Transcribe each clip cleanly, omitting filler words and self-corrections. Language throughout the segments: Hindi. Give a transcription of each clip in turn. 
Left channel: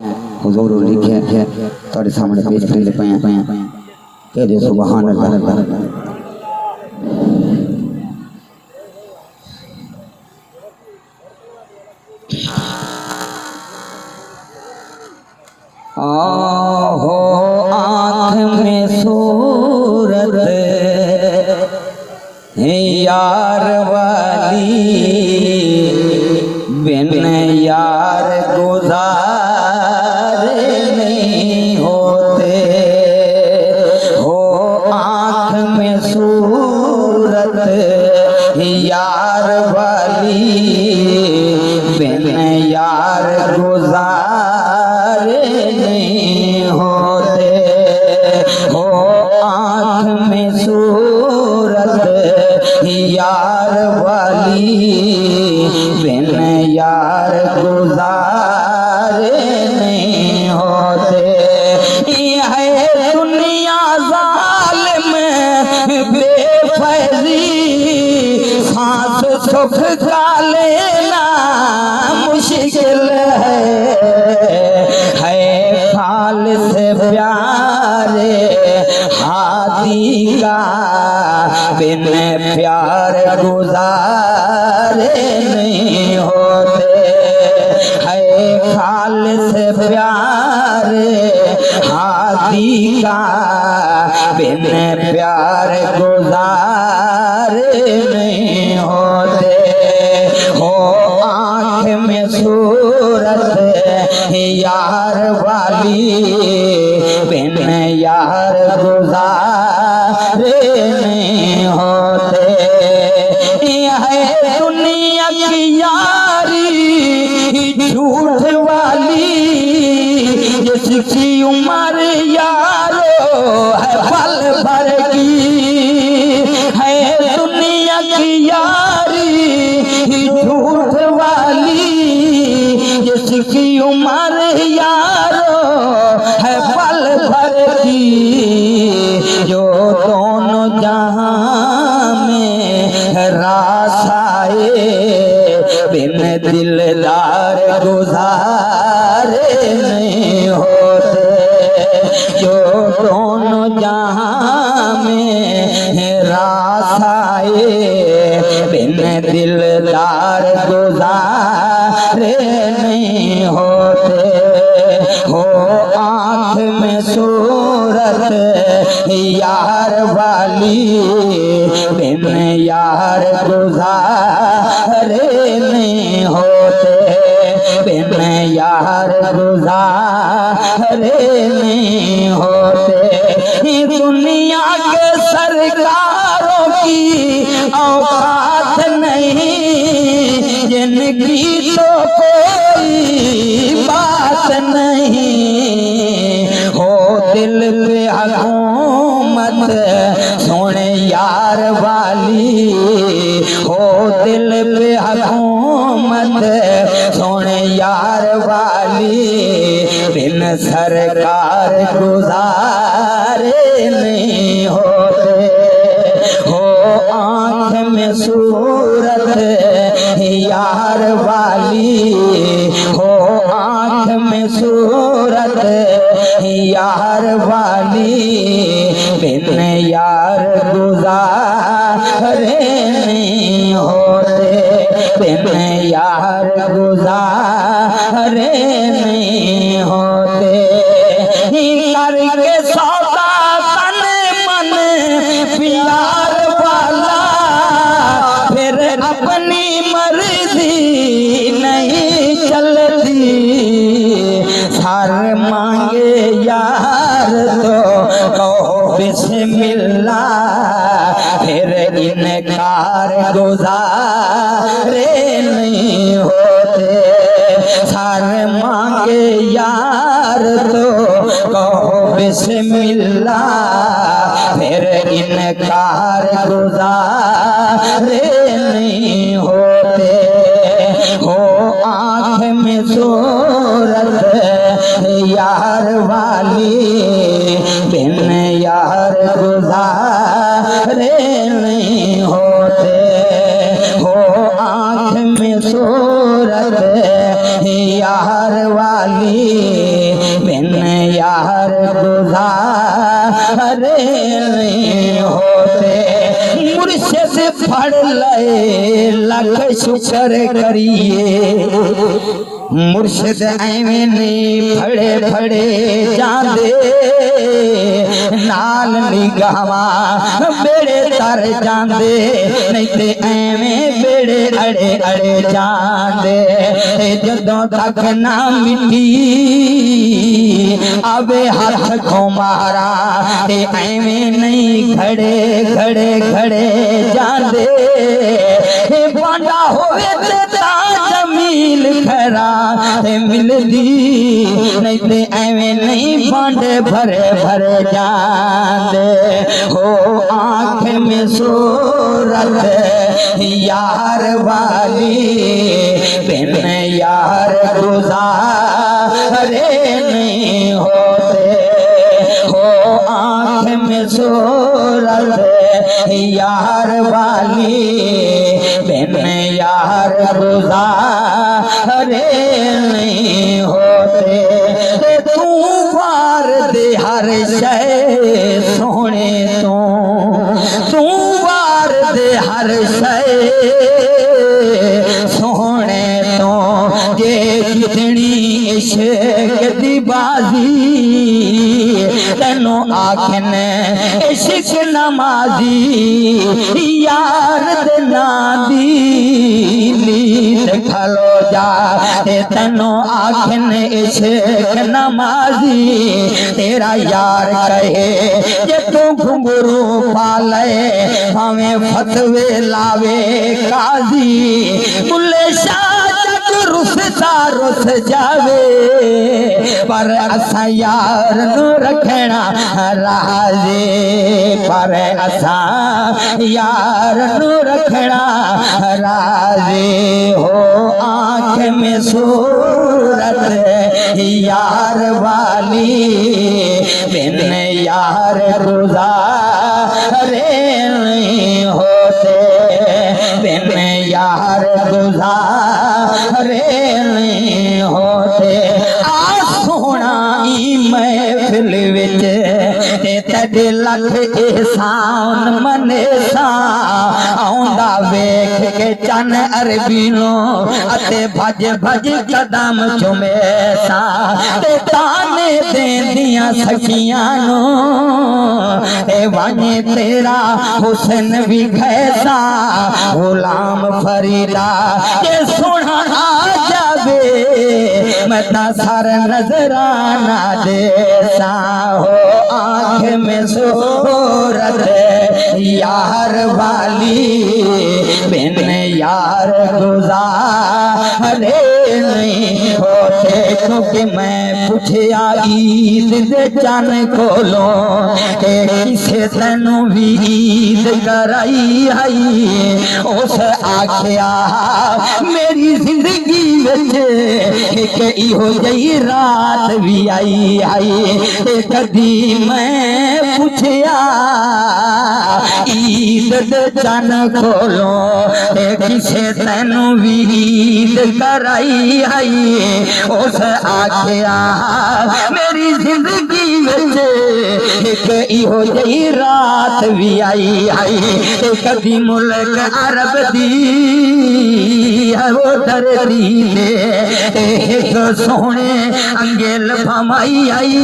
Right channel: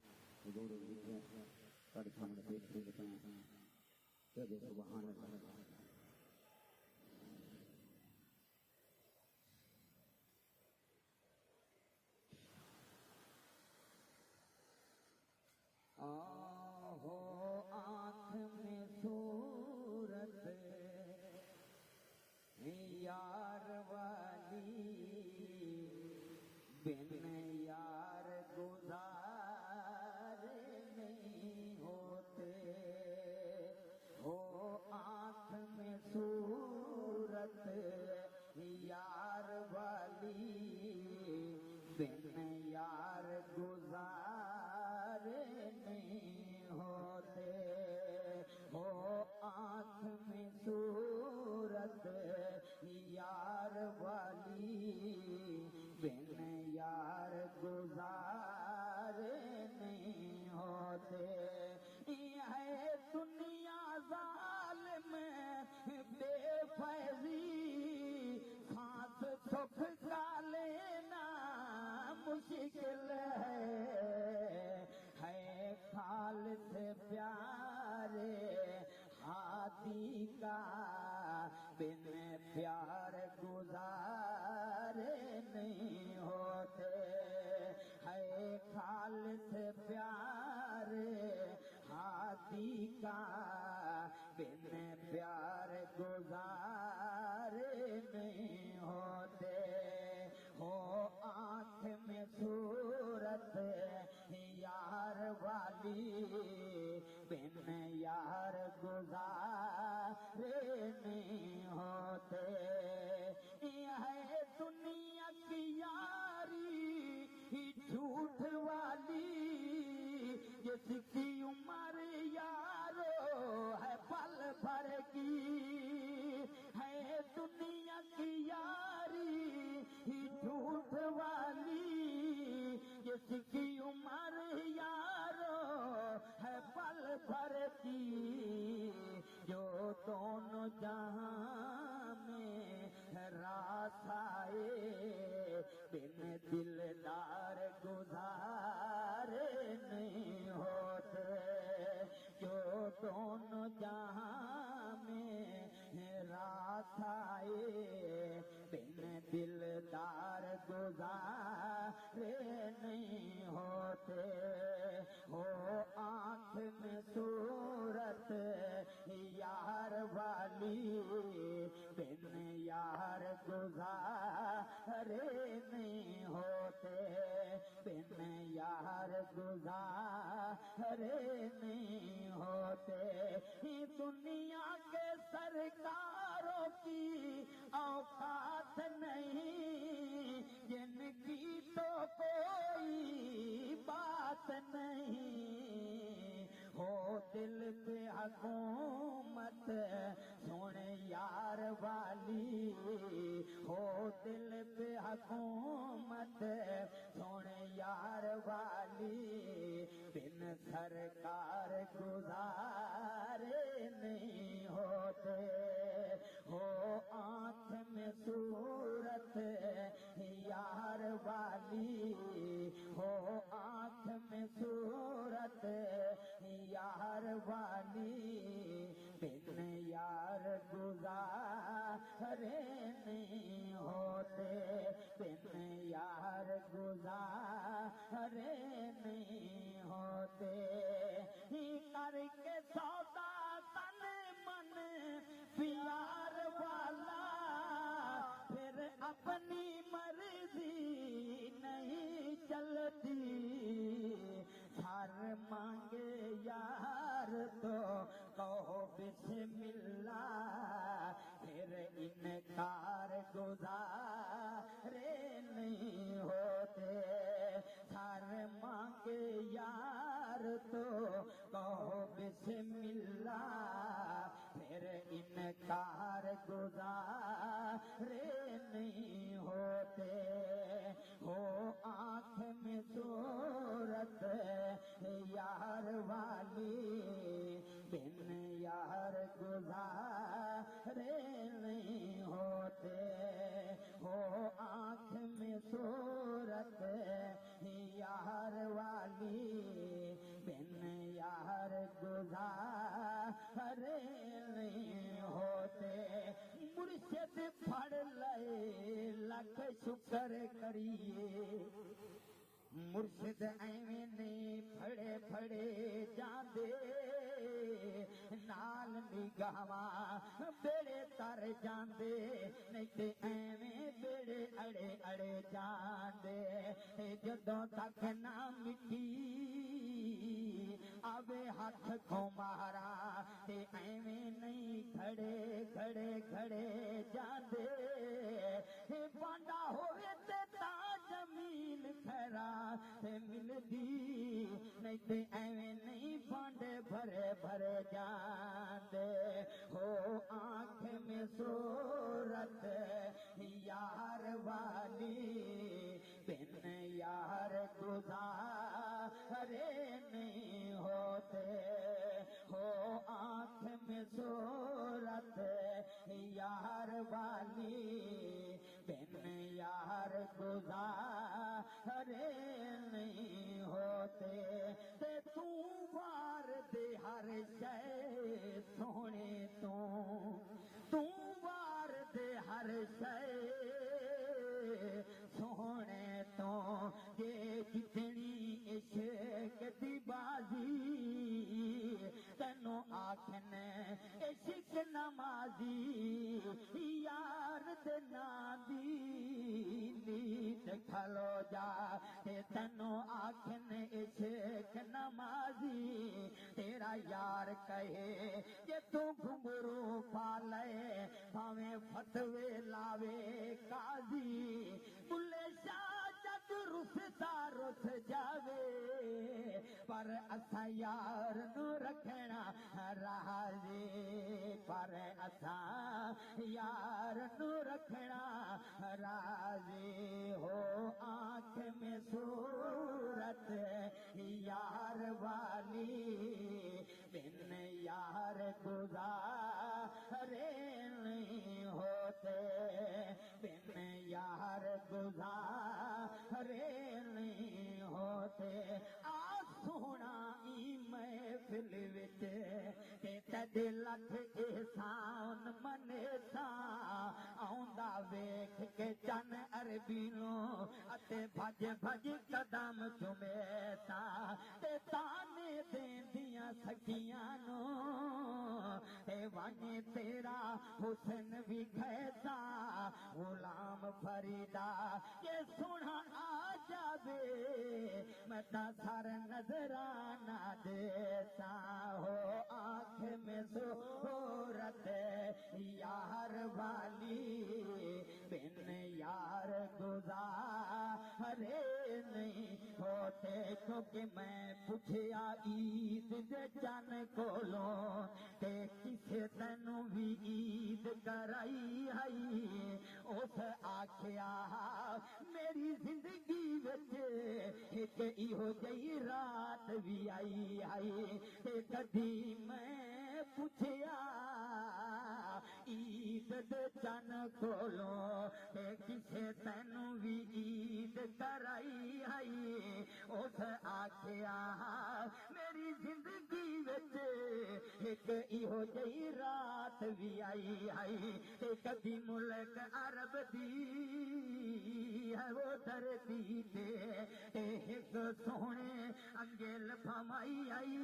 हुजूर लिखे थोड़े सामने पेश कर पाया कह दे सुभान अल्लाह। हो आँख में सूरत है यार वाली, बिन यार गुजारे नहीं होते। हो आँख में सूरत है यार वाली, बिन यार गुजारे नहीं होते। हो आँख में सूरत यार वाली, बिन यार गुजारे नहीं होते। है दुनिया जालिम बेफैजी, सांस सुख का लेना मुश्किल है फाल से प्यारे हाथी का, बिन प्यार गुजारे नहीं होते। है खाल से प्यारे हाथी का, बिन प्यार गुजारे नहीं होते। हो आँख में सूरत यार वाली, बिन यार गुजारे नहीं होते। है दुनिया की यारी झूठ वाली, जिसकी उम्र यारो है पल भर की। है दुनिया की यारी झूठ वाली, जिसकी उम्र यारो है पल भर की। जो दोनों जहां में रास आए, बिन दिलदार गुजारे नहीं होते। जो दोनों जहां में रास आए, बिन दिलदार गुजारे नहीं होते। हो आँख में सूरत यार वाली, बिन यार गुजारे नहीं होते। बिन यार गुजारे नहीं होते। दुनिया के सरकारों की औकात नहीं, जिनकी तो कोई बात नहीं। हो दिल पे हुकूमत सोने यार वाली, हो दिल पे हुकूमत सोने यार वाली, बिन सरकार गुजारे नहीं होते। हो आँख में सूरत यार वाली, हो आँख में सूरत यार वाली, बिन यार गुजारे नहीं होते। बिन यार गुजारे नहीं होते। करके सौदा तन मन प्यार वाला, फिर अपनी मर्जी नहीं चलती। सार मांगे यार तो कहो बिस्मिल्लाह, फिर इनकार गुजारे नहीं होते। सार मांगे यार तो कहो बिस्मिल्लाह, फिर इनकार गुजारे नहीं होते। हो आँख में सूरत यार वाली, बिन यार गुजारे नहीं होते। हो आँख में सूरत यार वाली, गुजारे नहीं होते। मुर्शिद पढ़ ले लख शुक्र करिए, मुर्शिद एवें नहीं फड़े फड़े जांदे, नाल निगाहवा बेड़े तर जांदे, नहीं ते एवें बेड़े अड़े अड़े जांदे। जदों तक ना मिट्टी आवे हाथ को मारा, ते एवें नहीं खड़े खड़े खड़े जांदे। बांडा होवे ते जमील खरा मिलदी, नहीं ते एवें नहीं बांडे भरे भरे जांदे। हो आँख में सूरत यार वाली, बिन यार गुजारे नहीं होते। हो आँख में सूरत यार वाली, बिन यार गुजारे नहीं होते। तू वार दे हर शय सोने तू वार दे हर शय सोने तो, जे कितनी इश्क दी बाजी तेनों आखन इश्क नमाजी, यार दे नादी नींद खलो जा, तेनों आखन इश्क नमाजी। तेरा यार कहे जे तू घुंघरू पाले, हमें फतवे लावे काजी, बुल्ले शाह रुसता रुस जावे, पर असा यार नु रखना राजे, पर असा यार नु रखना राजे। हो आँख में सूरत यार वाली, बिन यार गुजारे नहीं होते, बिन यार गुजारे नहीं होते। आ सोना ई महफिल विच तेरे लख एहसान मने सा, आउंदा वेख के चन अरबीनो अते भज भज कदम चुमे सा, ते ताने देंदियां सखियां नो ए वाने तेरा हुसन भी कैसा, गुलाम फरीदा के सोना आ जावे, मैं ता सर नजराना देसा। हो आँख में सूरत यार वाली, बिन यार गुजारे नहीं होते। क्योंकि मैं पूछया ईद दे चन कोलो, किसे तेनू भी ईद कराई आई, उस आख्या मेरी जिंदगी विच एक इहो जही रात भी आई आई। कदी मैं पूछया ईद दे चन खोलो, किसे तेनू भी ईद कराई आई, उस आख्या मेरी जिंदगी विच एक इहो जही रात भी आई आई। कदी मुल्क अरब दी वो धरती ने एक सोने अंगेल फमाई आई,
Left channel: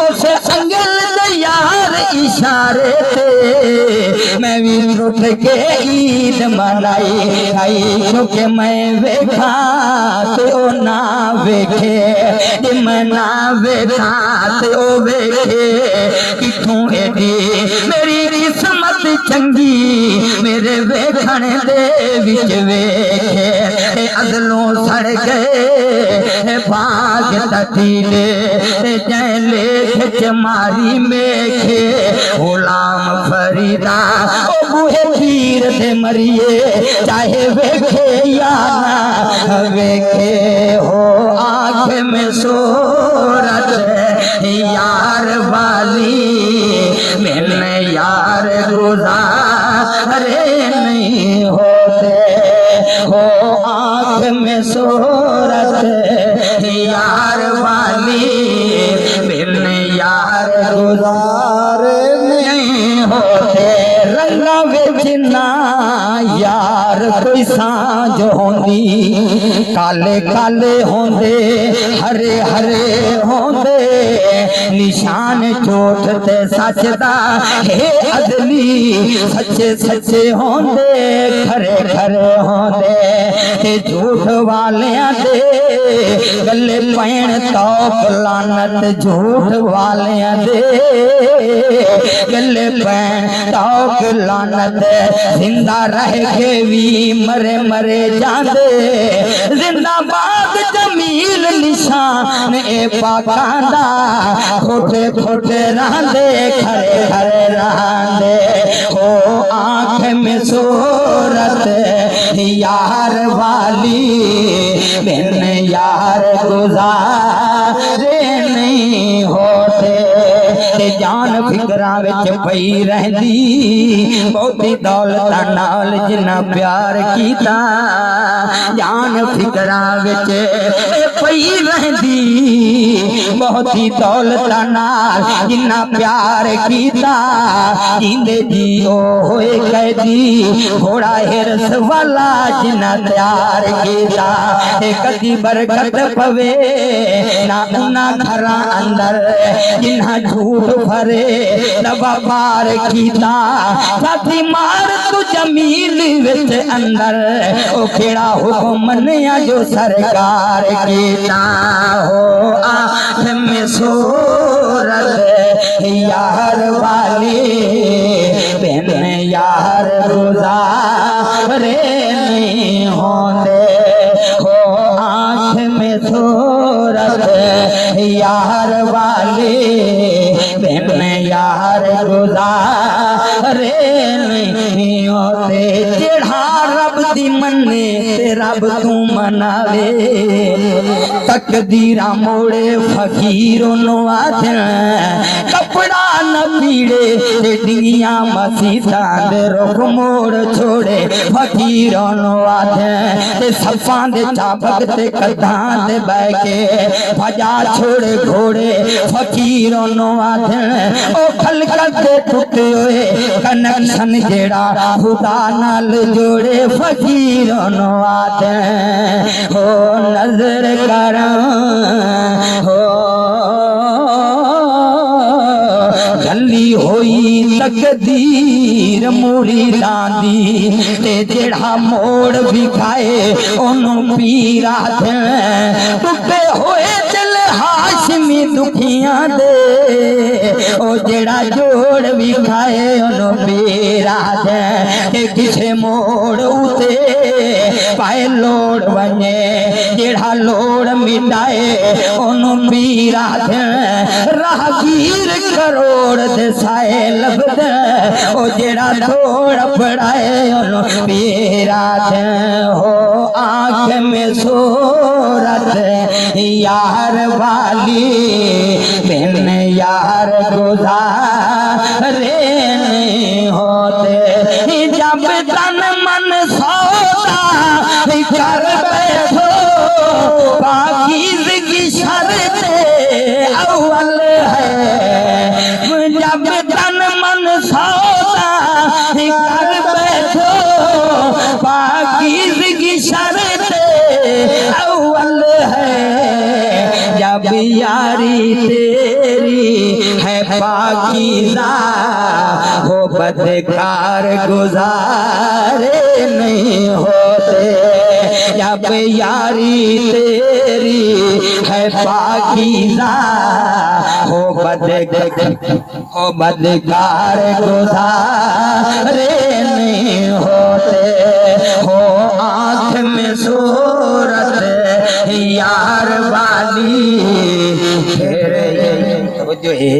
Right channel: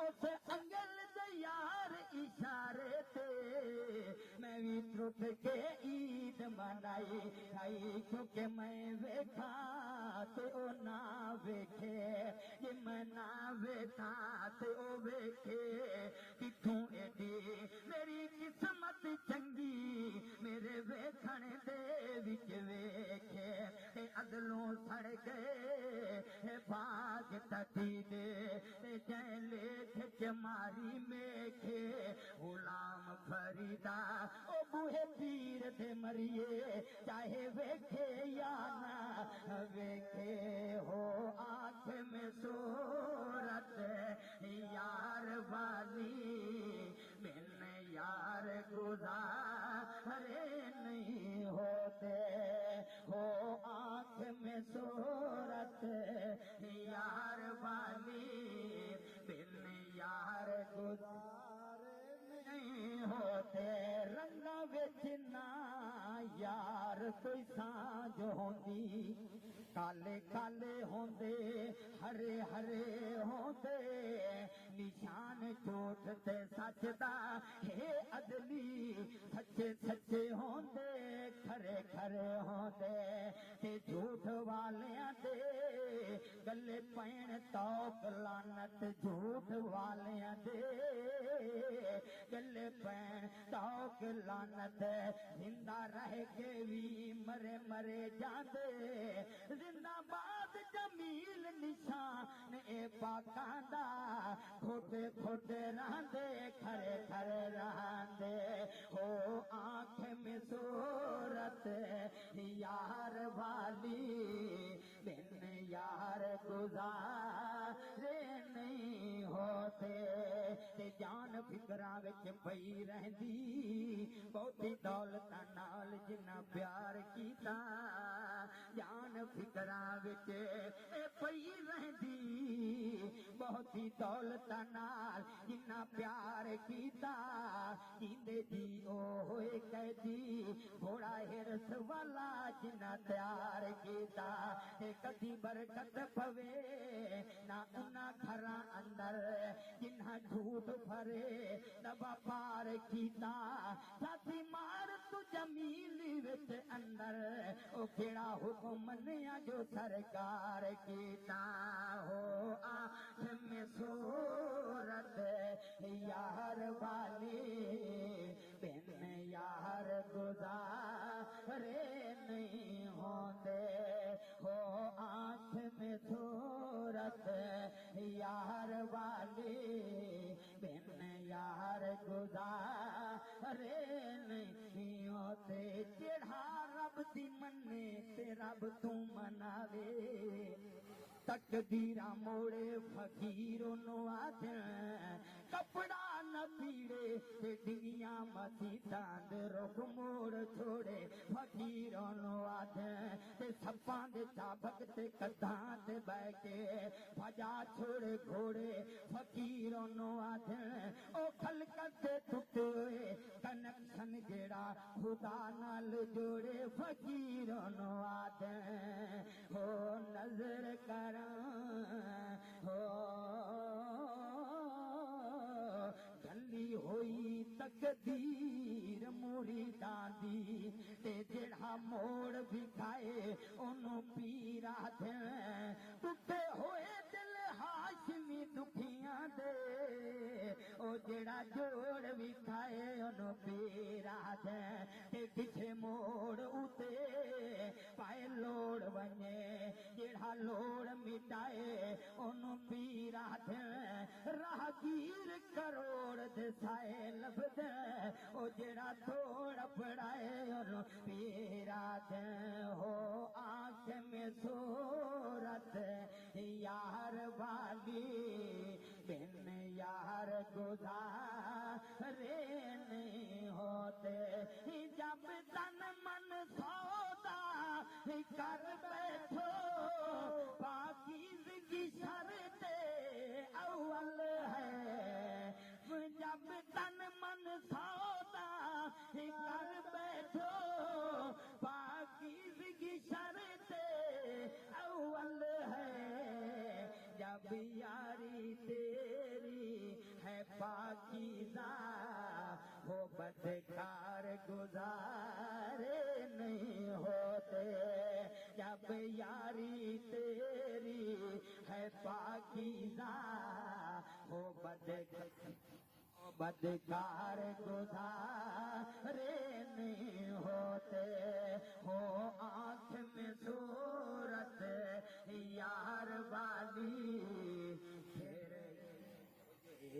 उस अंगेल दे यार इशारे ते मैं भी उठ के ईद मनाई आई। क्योंकि मैं वेखा ते ओ ना वेखे, जे मैं ना वेखा ते ओ वेखे, किथों एडी मेरी किस्मत चंगी, मेरे वेखण दे विच वेखे अदलों सड़ गए बाग तटीले, जै लेख च मारी मेखे गुलाम फरीदा ओ बूहे पीर दे मरिए, चाहे वेखे या ना वेखे। हो आँख में सूरत यार वाली, मैंने यार गुजारे नहीं होते। हो आँख में सूरत यार वाली, मैंने यार काले काले होंदे हरे हरे होंदे निशान झूठ ते सच दा हे अदली सच्चे सच्चे होंदे खरे खरे होंदे ते झूठ वालियां दे गले पैण तौक लानत झूठ वालियां दे गले पैण तौक लानत जिंदा रह के भी मरे मरे जांदे जिंदाबाद जमील निशान ए पाकांदा खोटे खोटे रहंदे खरे खरे रहंदे ओ आँख में सूरत यार वाली बिन यार गुजारे नहीं होते ते जान फिकरा विच पई रहंदी बहुती दौलत नाल जिन्ना प्यार कीता जान फिकरा विच पई रहंदी बहुती दौलत नाल जिन्ना प्यार कीता जिंदे जी होए कैदी घोड़ा हिरस वाला जिन्ना प्यार कीता कदी बरकत पवे ना उना घरा अंदर जिन्ना झूठ भरे दबा पार कीता साथी मार तू जमील विच अंदर ओ केड़ा हुक्म मनिया जो सरकार कीता हो आँख में सूरत यार वाली बिन यार गुजारे नहीं होंदे हो आँख में सूरत यार वाली बिन यार गुजारे नहीं होते जेड़ा रब दी मन्ने ते रब तू मनावे तकदीरा मोड़े फकीरों नो आदन कपड़ा न पीड़े ते डिंगिया मसीता दे रुख मोड़ छोड़े फकीरों नो आदन ते सफां दे चाबक ते कदां दे बह के भजा छोड़े घोड़े फकीरों नो आदन ओ खलकत दे टुटे होए कनेक्शन जेड़ा खुदा नाल जोड़े फकीरों नो आदन हो नजर कर हो गली होई तकदीर मूरी लांदी ते जेड़ा मोड़ भी खाए ओनू पीरा दे टुटे होए दिल हाशमी दुखियां दे ओ जेड़ा जोड़ भी खाए ओनू पीरा दे के किसे मोड़ उते पाए लोड़ वने जेड़ा लोड़ मिटाए ओनू पीरा दे राहगीर करोड़ दे साए लभद ओ जेड़ा थोड़ पड़ाए ओनू पीरा दे हो आँख में सूरत यार वाली बिन यार गुजारे नहीं होते जब तन मन सौदा कर बैठो पाकीज़गी शर्त अव्वल है जब तन मन सौदा कर बैठो पाकीज़गी शर्त अव्वल है जब यारी तेरी है पाकीज़ा हो बदकार गुजारे नहीं होते जब यारी तेरी है पाकीज़ा हो बदकार गुजारे नहीं होते हो आँख में सूरत यार वाली जो है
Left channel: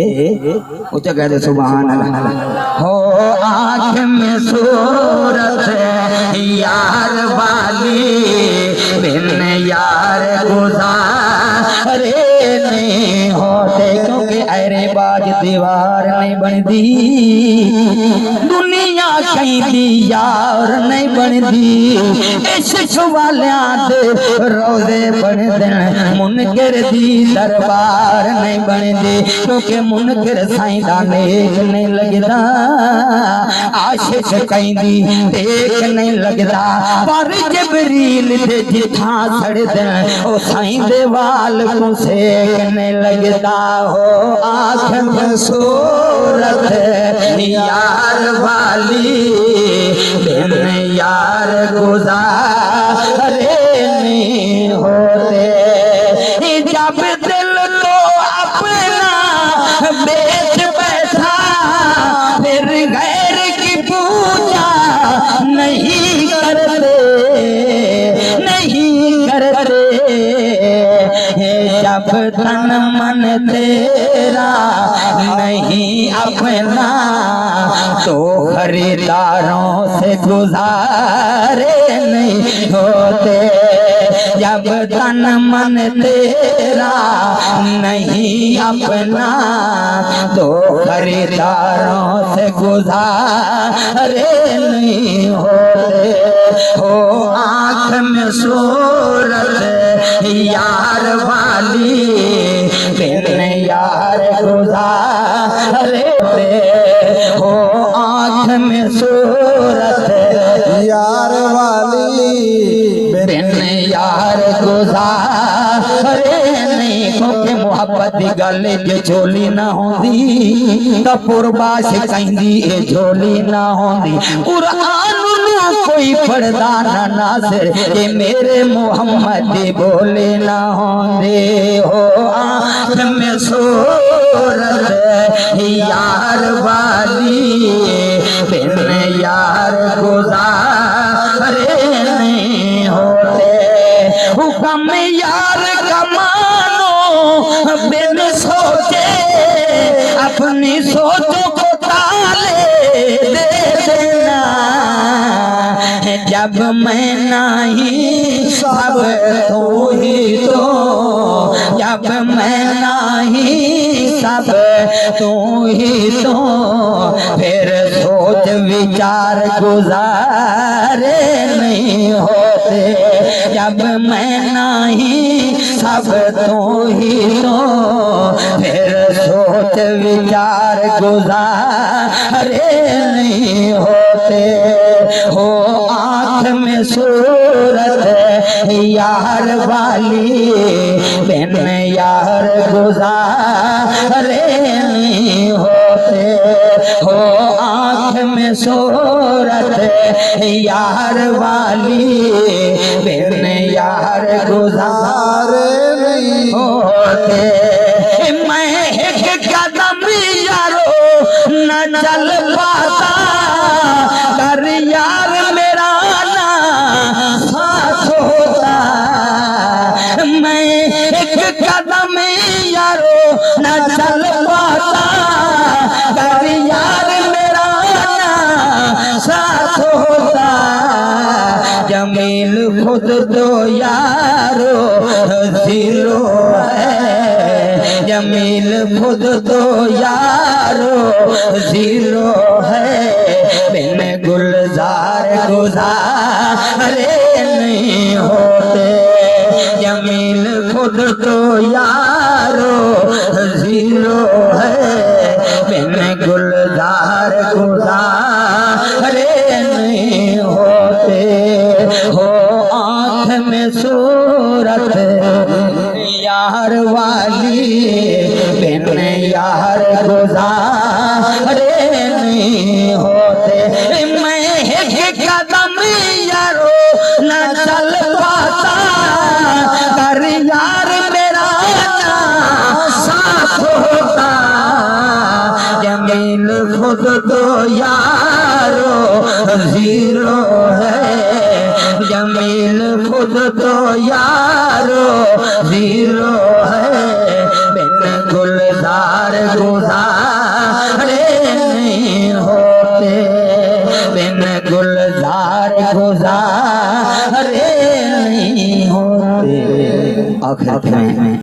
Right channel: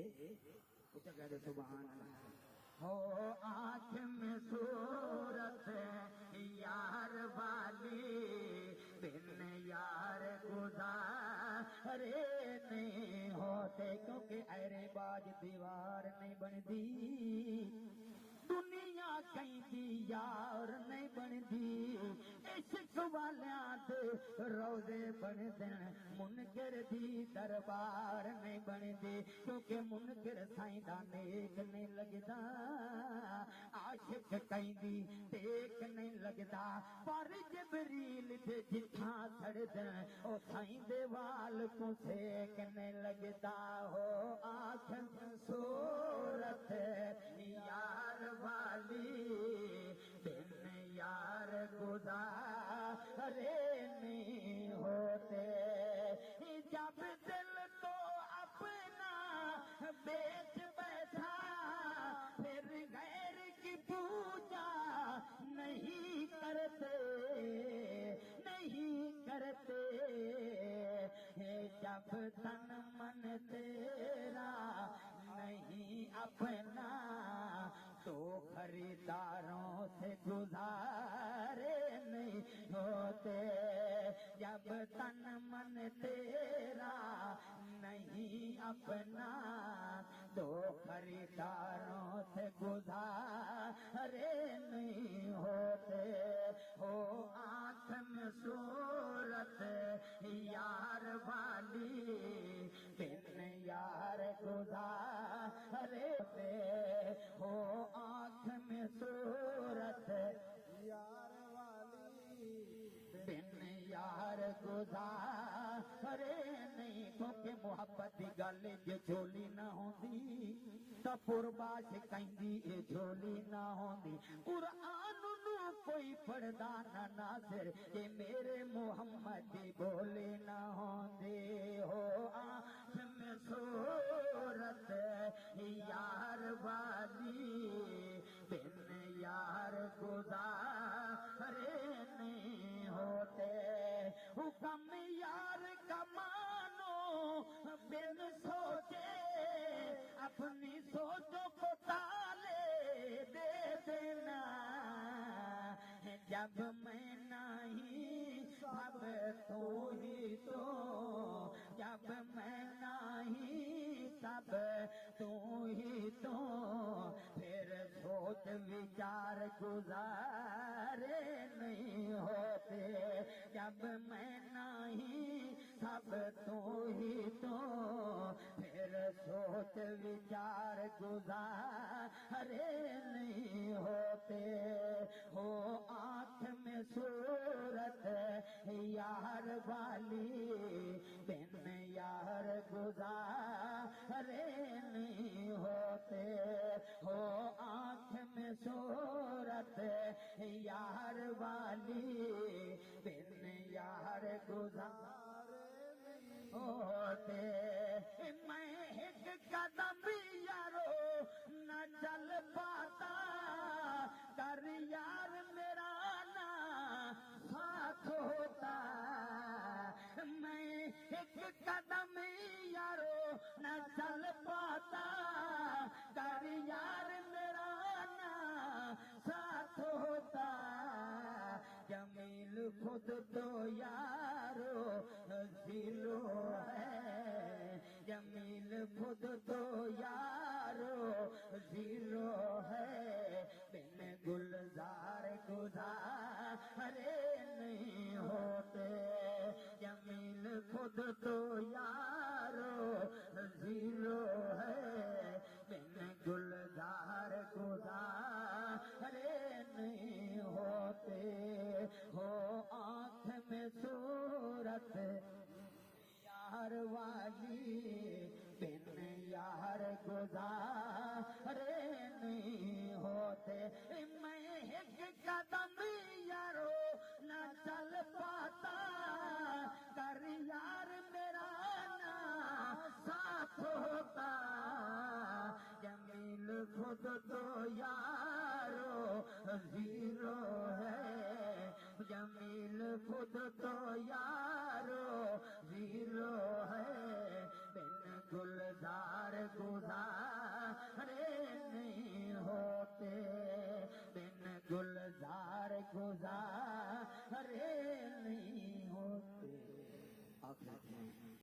वो तो कहते सुभान अल्लाह हो आँख में सूरत यार वाली बिन यार गुजारे नहीं होते क्योंकि अरे बाज दीवार नहीं बनती, दुनिया कहती यार नहीं बनती। इश्क वालियां दे रोज़े बनदे, मुनकर दी दरबार नहीं बनती। क्योंकि मुनकर साईं दा नेक नहीं लगदा, आशिक कहंदी टेक नहीं लगदा। पर जबरील दे जिथा सड़दे ओ साईं दे वाल को सेक नहीं लगदा। हो आँख में सूरत यार वाली, बिन यार गुज़ारे नहीं होते। जब दिल को अपना बेच बैठा, फिर गैर की पूजा नहीं करते, नहीं करते। जब तन मन तेरा नहीं अपना, तो खरीदारों से गुजारे नहीं होते। जब तन मन तेरा नहीं अपना, तो खरीदारों से गुजारे नहीं होते। हो आँख में सूरत यार वाली, बिन यार गुज़ारे हो। आँख में सूरत यार वाली, बिन यार गुज़ारे नहीं। क्योंकि मोहब्बत दी गल जे झोली ना होंदी, तां पुरबाश कहंदी ए झोली ना होंदी। कुरान कोई पढ़दा ना नाज़िर, ये मेरे मोहम्मद बोले ना होंदे। हो आँख में सूरत यार वाली, बिन यार गुज़ारे नहीं होते। हुक्म यार का मानो बिन सोचे, अपनी सोचों को ताले दे देना। जब मैं नहीं सब तू ही तो, जब मैं नहीं सब तू ही तो, फिर सोच विचार गुज़ारे नहीं होते। जब मैं नहीं सब तू ही तो, फिर सोच विचार गुज़ारे नहीं होते। हो आँख में सूरत यार वाली, बिन यार गुज़ारे नहीं होते। हो आँख में सूरत यार वाली, बिन यार गुज़ारे नहीं होते। मैं एक कदम यारो न चल पाता, कर यार मेरा ना साथ होता। मैं एक कदम यारो न चल पाता, कर यार मेरा ना साथ होता। जमील खुद तो यारो जीरो है, जमील खुद तो यारो जीरो है। बिन गुलजार गुज़ारे नहीं होते। जमील खुद तो यारो जीरो है, बिन गुलजार गुज़ारे नहीं होते। हो आँख में सूरत यार वाली, बिन यार गुज़ारे नहीं होते। मैं एक कदम यारो न चल पाता, कर यार मेरा ना साथ होता। जमील खुद तो यारो जीरो है, जमील खुद तो यारो जीरो है। बिन गुलजार गुज़ारे नहीं होते, बिन गुलजार गुज़ारे नहीं होते। आखिर में